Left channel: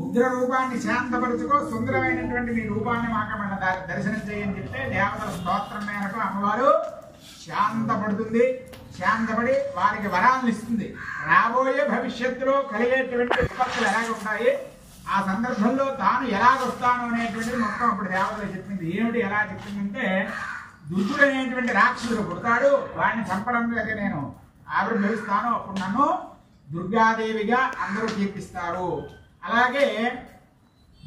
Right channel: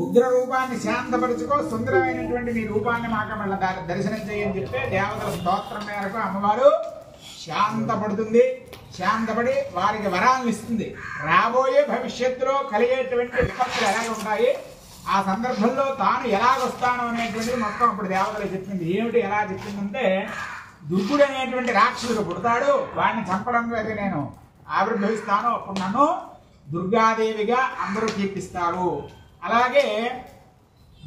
ఉగ్ర రూపాన్ని శాంతపరుచుకో, సుందరమైనటువంటి మీ రూపాన్ని మాకు మళ్ళీ దర్శనం చేయని చెప్తే దేవతల స్తోత్రం మేరకు అమ్మవారు శాంతపడుతుంది. శాంతపడి వారికి వరాలను ఇస్తుంది. రాబోయే భవిష్యత్తులో కలిగేటువంటి విపత్తులు ఎలాగ ఉంటాయి, ఆ సందర్భంలో తాను ఎలాగొస్తాను అనేటువంటిది మొత్తం అప్పుడు దేవతలు చెప్పింది. ఏమిటి ఎలా చెప్పిందంటే, దుర్గుడు అనేటువంటి రాక్షసుడు పుడతాడు, వాడిని చంపడం అయితే నేను ఆవిర్భవిస్తాను, అప్పుడు నన్ను దుర్గాదేవిగా అందరూ కీర్తిస్తారు. అలాగే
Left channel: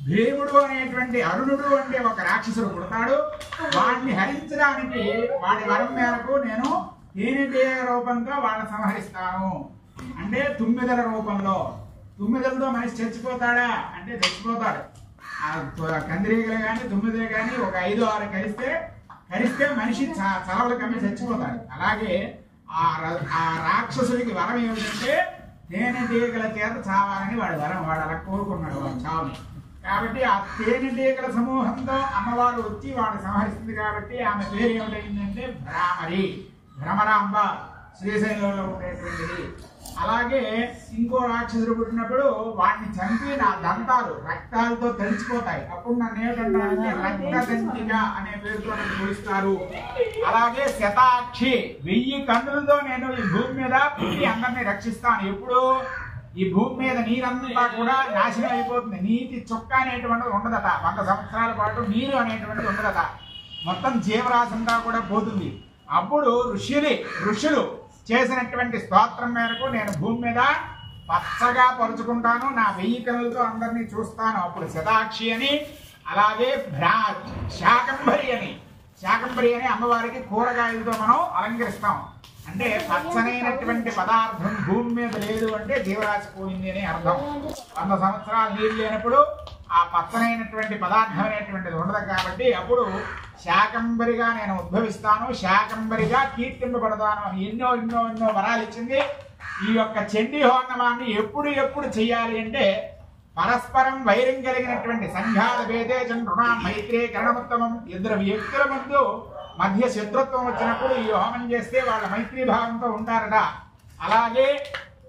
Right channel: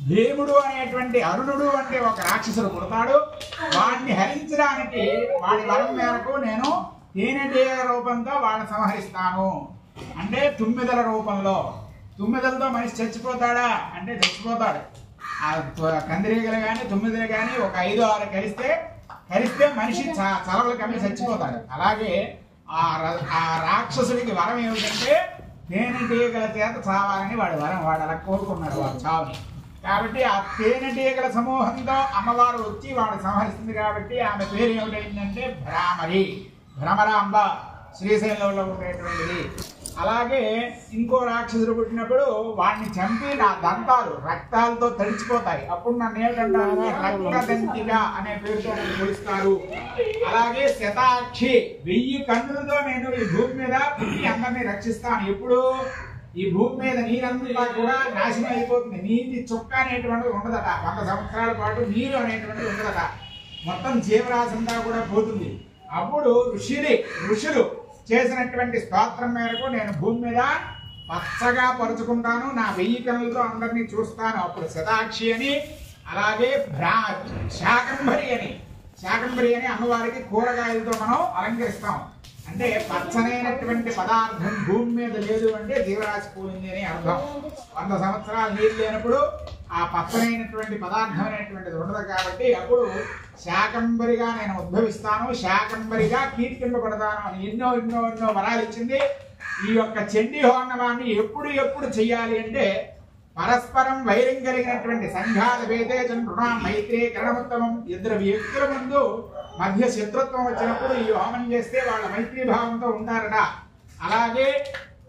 భీముడు అనేటువంటి అరుణుడు అంటే ఒక రాక్షసుడు పుడతాడు, వాడిని హరించడానికి వాడి వరం మేరకు నేను తేనెటీగ రూపంతో వాళ్ళని సంహరిస్తాను. అంటే తుమ్మిదల రూపంలో. తుమ్మిదలతో మనిషి చచ్చిపోతాడా అంటే చచ్చిపోతాడు. ఆ కందిరీగలు కానీ తుమ్మిదలు కానీ ఒక 5-6 కరిస్తే మనిషి చలవలు కమ్మి చచ్చిపోతాడు. అలాగే ఆ రాక్షసుడికి వరం ఏమిటంటే తేనెటీగల చేత చావాలని వాడి వరం. వాడు అలా కోరుకున్నాడు వాడు చావుని. కాబట్టి ఆ తేనెటీగల సమూహంతో అమ్మవారు వచ్చి వాడు సంహరిస్తుంది. కాబట్టి ఆమె పేరు ఏమిటైందంటే భ్రామరి, భ్రమరాంబ, శ్రీశైలంలో ఉండేటువంటిది. అలాగే ఇంకో రాక్షసుడు పుట్టినప్పుడు వాడిని చంపి నా దంతాలు రక్తాలతో తడిచిపోతాయి. అప్పుడు నన్ను ఏమిటంటే రక్తదంతిగా అనే పేరుతో నన్ను పిలుస్తారు. అలాగే శతాక్షి, 1000 కన్నులతో నేను ఈ భూమి మీద పుట్టి అందరినీ రక్షిస్తాను. ఎప్పుడు ఈ భూమి మీద నీరంతా కూడా నాశనం అయిపోతుంది. నీటి చుక్క అనేటువంటిది ఉండదట. 100 సంవత్సరాల పాటు నీరు అనేటువంటిది ఉండదట. మొత్తం జీవరాశి అంతా కూడా పోతుంది. అప్పుడు ఋషులు చేసినటువంటి స్తోత్రం మేరకు నేను భూమి మీద పచ్చగా పరుచుకుంటాను, నా 1000 కన్నులతో అందరినీ చూస్తాను. అప్పుడు శతాక్షి అని, అలాగే శాకంబరి అని అమ్మవారికి కూరగాయలతో మనం అలంకరిస్తాం. అంటే పచ్చనైనటువంటి పదార్థం భూమి మీద లేదు అంటే జీవరాశి పోయింది అని అర్థం. 100 సంవత్సరాలు నీరు లేనప్పుడు ఆ పచ్చనైనటువంటి పదార్థం అనేటువంటిది ఉండదు. కాబట్టి అప్పుడు శాకంబరిగా నేను ఉద్భవిస్తాను, శాకంబరిగా కీర్తింపబడతాను అని ఎన్నో వరాలు ఇచ్చింది. ఈ యొక్క చండీ హోమనాన్ని ఎప్పుడు చేయాలి అంటే, పరస్పరం వైరం కలిగినటువంటి సంఘాల వేదే రుణా మైత్రే కరణముత్తమం, 2 వ్యక్తుల ముందు మధ్య శత్రుత్వం వచ్చినప్పుడు ఈ హోమం చేస్తే వాళ్ళ మైత్రీ భావంతో ఉంటారట. అలాగే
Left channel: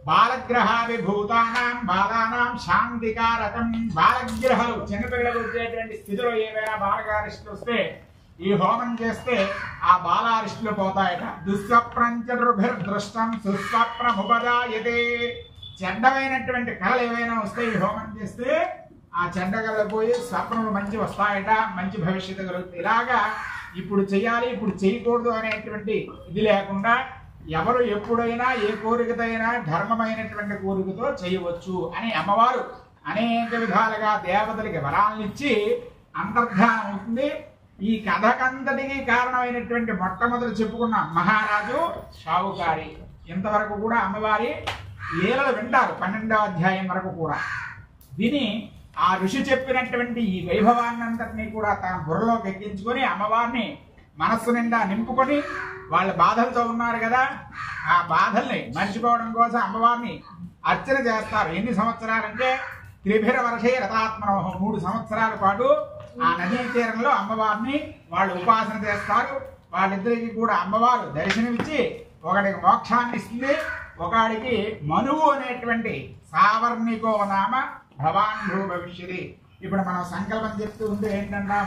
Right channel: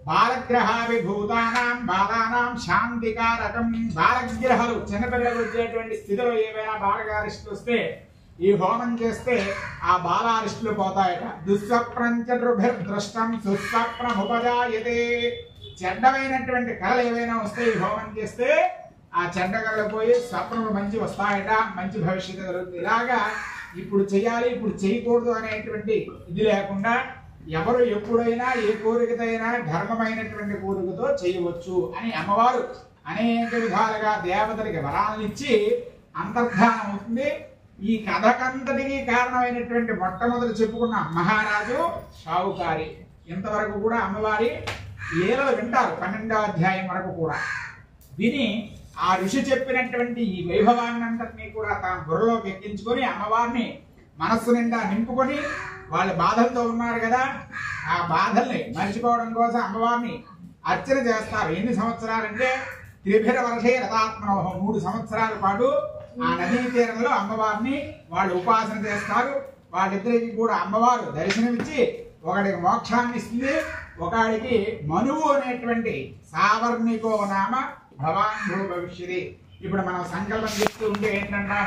బాలగ్రహాభిభూతానాం బాలానాం శాంతికారకం, బాలగ్రహాలు చిన్నపిల్లలకు వచ్చేటువంటి స్థితిలో ఏవైనా బాలగారిష్టులు వస్తే ఈ హోమం చేస్తే ఆ బాలారిష్టులు పోతాయట. దుస్వప్నంచరుభిర్దృష్టం సుస్వప్నముపజాయతే, చెడ్డమైనటువంటి కళలు ఏవైనా వస్తే ఈ హోమం చేస్తే ఆ చెడ్డ కళలు పోయి స్వప్నములు మంచి వస్తాయట, మంచి భవిష్యత్తు కలుగుతుంది. ఇలాగా ఇప్పుడు చేయాలి ఇప్పుడు చేయకూడదు అనేటువంటి ఇది లేకుండా ఎవరు ఎప్పుడైనా ఏ కోరికతైనా ధర్మమైనటువంటి కోరికతో చేయవచ్చు అని అమ్మవారు అనేక విధాలుగా దేవతలకి వరాలను ఇచ్చి అంతర్ధానం అవుతుంది. ఈ కథకంతటికి కారణమైనటువంటి మొట్టమొదటి చెప్పుకున్న మహారాజు షావుకారి. ఇంతవరకు కూడా అమ్మవారి లీలలు వింటారు 12వ అధ్యాయం వరకు కూడా. విని ఆ ఋషి చెప్పినటువంటి ఈ వైభవాన్నంతటినీ కూడా తాను బుర్రలోకి ఎక్కించుకొని అమ్మవారిని మనస్సు నిండా నింపుకొని, వాళ్ళ బాధలతో ఉన్నారు కదా, ఆ బాధల్ని మర్చిపోవడం కోసం అమ్మవారిని అర్చన చేస్తారు. ఎన్ని సంవత్సరాలంటే 3 వర్షే రథాత్మనోహం, 3 సంవత్సరాల పాటు ఆ నదీ తీరంలో అమ్మవారిని వాళ్ళు ఉపాసన చేస్తారు. వాళ్ళిద్దరికి కూడా అమ్మవారు దర్శనమిచ్చి ఒకడికి మోక్షాన్ని ఇస్తుంది, ఒకడికి మనువు అనేటువంటి సావర్ణికో నామ భవాన్ భూ భవిష్యది. ఇప్పుడు మనం సంకల్పం చెప్తూ ఉంటే ఏంటంటే